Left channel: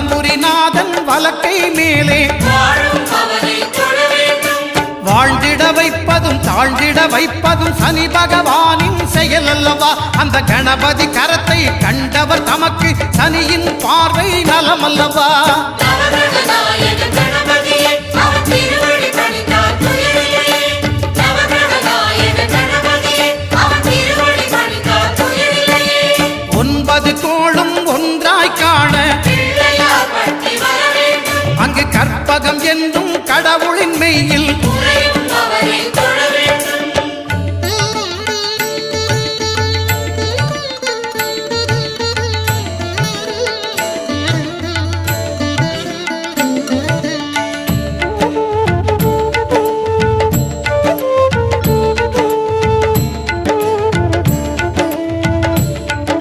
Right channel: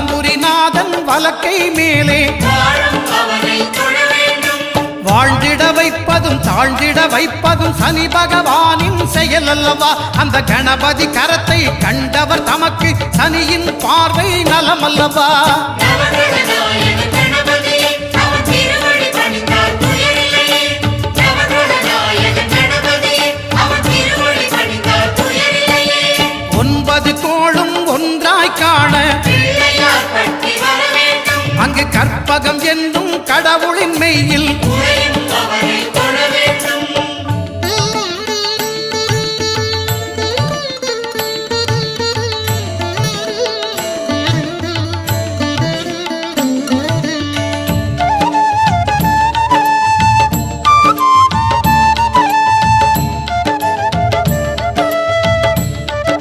வலம்புரிநாதன் வலக்கை மேலே வாழ்ந்திட வைப்பதும் தாழ்ந்திட வைப்பதும் சனி பகவானின் செயல் அல்லவா. அந்த கணபதி கரத்தை கண்டவர் தமக்கு சனியின் பார்வை நலமல்லவா. ஒன்பது கோளும் ஒன்றாய் காண அங்கு கற்பகம் என்னும் கடவுளின் மெய்யில்